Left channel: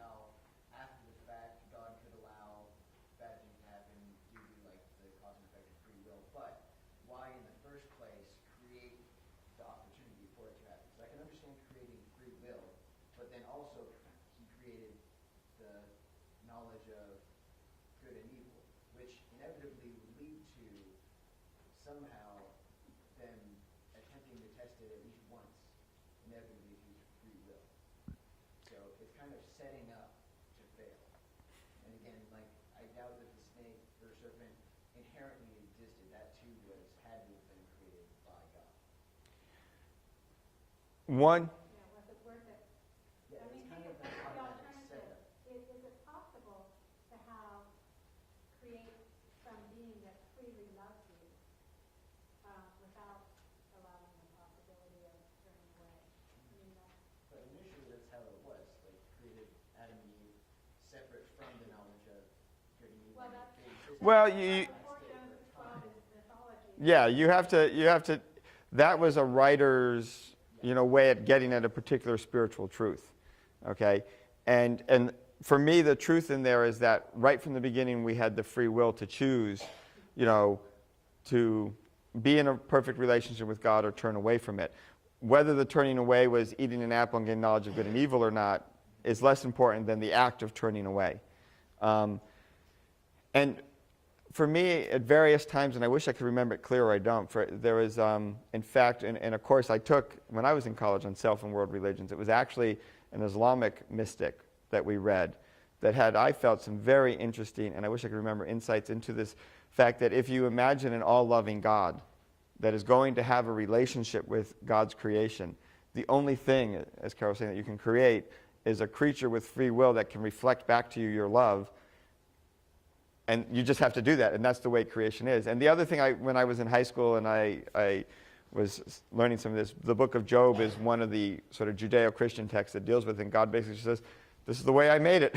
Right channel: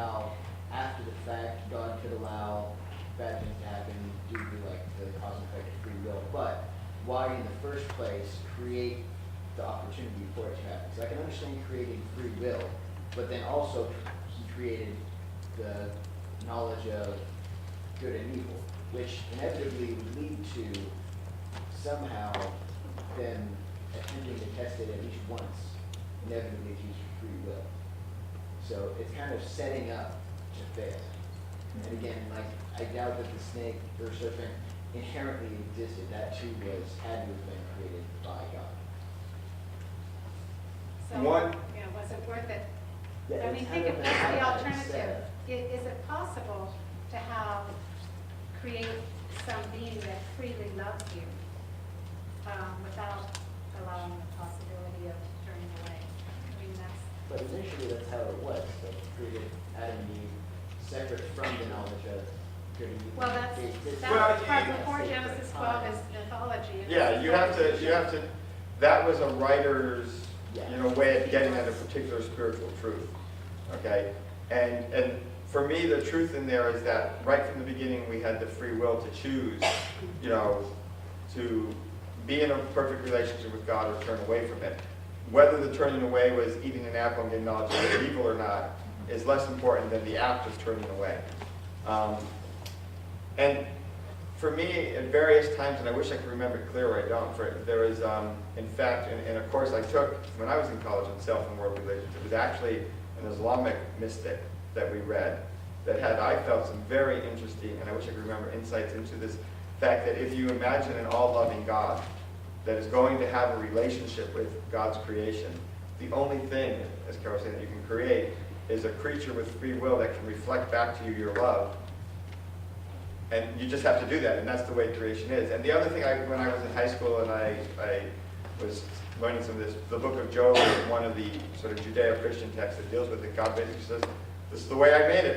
how after the fact God could allow bad things to happen due to like the cause and effect of free will, but why in the first place create the opportunity for it to happen? So I can understand creating free will, but then also he created the knowledge of good and evil, which inevitably would lead to somehow them attempting to test it at least once, inevitably to use free will. So it's kind of setting up to fail. And again, like I doubt that the snake or serpent inherently existed. That too had to have been created by God. So, One- was it worth it? Yeah, I it's mean, kind think of if that's the an alternative. setup. Is it possible to create some being that freely loves you without allowing the possibility of turning away? I mean, that's, But initially that's how it was. Like it created Adam and Eve separate from the knowledge of good and evil. well, that's, They existed Well, that's you- before Genesis 12 is mythology. Yeah, you have to, that was a writer's, way of getting at a particular spiritual truth, okay? And for me, the truth in there is that right from the beginning, we had the free will to choose, to be in a perfect relationship with God or turn away from it. Whether the turning away was eating an apple and getting knowledge of good and evil or not is less important than the act of turning away. And for me, at various times, and I wish I could remember it clear or I don't, there was, in fact, in a course I took when I was in college on self and world religions, it was actually an Islamic mystic that we read that had, I felt, some very interesting, and I wish I could remember, insights into this fact that if you imagine an all-loving God that is going to have a relationship with God's creation, the only thing, as Carol was saying, that you can create is a creature with free will that can reflect back to you your love. And you just have to do that, and that's the way creation is. And the other thing, when I was in high school and I was learning some of this, the book of Job is one of the sort of Judeo-Christian texts that deals with it. And God basically says, this is the way I made it.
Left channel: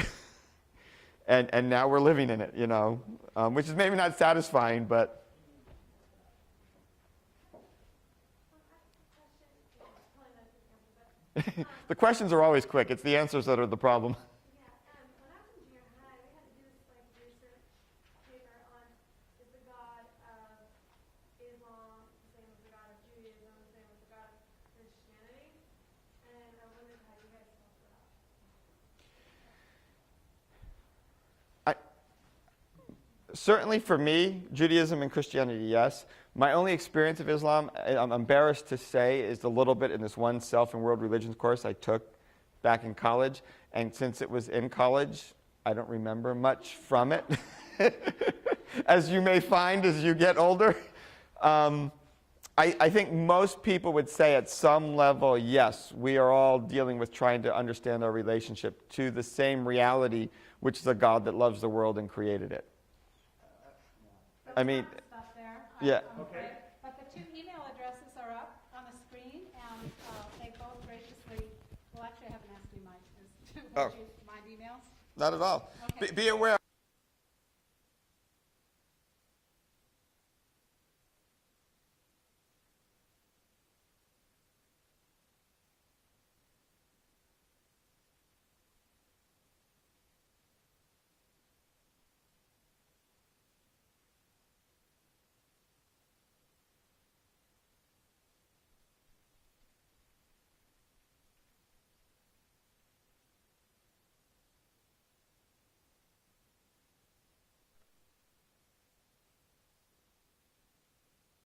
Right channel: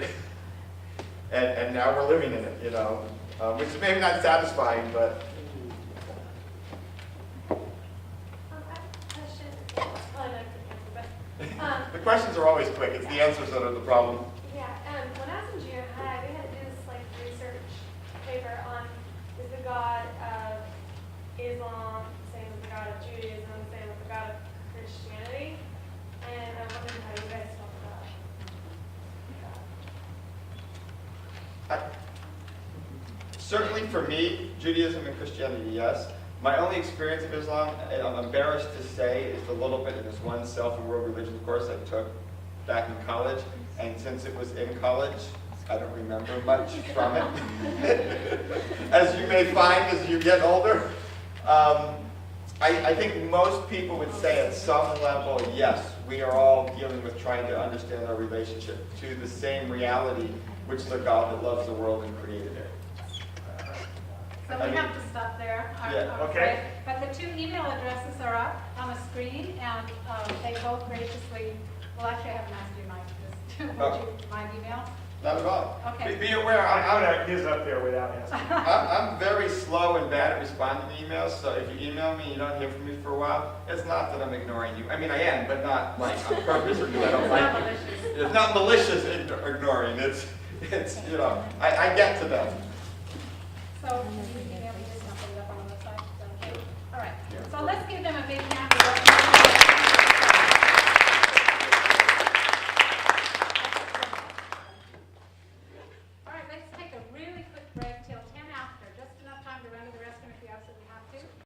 and now we're living in it, which is maybe not satisfying, but... The questions are always quick. It's the answers that are the problem. Yeah, when I was in junior high, we had to do this research paper on is the God of Islam the same as the God of Judaism, the same as the God of Christianity, and I wondered how you guys felt about that. Certainly for me, Judaism and Christianity, yes. My only experience of Islam, I'm embarrassed to say, is a little bit in this one self and world religion course I took back in college. And since it was in college, I don't remember much from it. As you may find as you get older. I think most people would say at some level, yes, we are all dealing with trying to understand our relationship to the same reality, which is a God that loves the world and created it. So I we mean- have to stop there. Yeah. I'm Okay. afraid. But the two email addresses are up on the screen, and they both graciously, well, actually, I haven't asked you, Mike, Oh. my emails. Not at all. Okay. Be aware, I'm gonna get up there without asking. I'm very slow and bad at responding to emails, so if you email me and you don't hear from me for a while, it's not that I'm ignoring you. I mean, I am, but not like on purpose or because I don't It's like not you. malicious. It's not malicious ignoring. It's I get to them. So, can you email me this, and I'll put it up on the website? Is that okay? All right. So let's give them a big hand.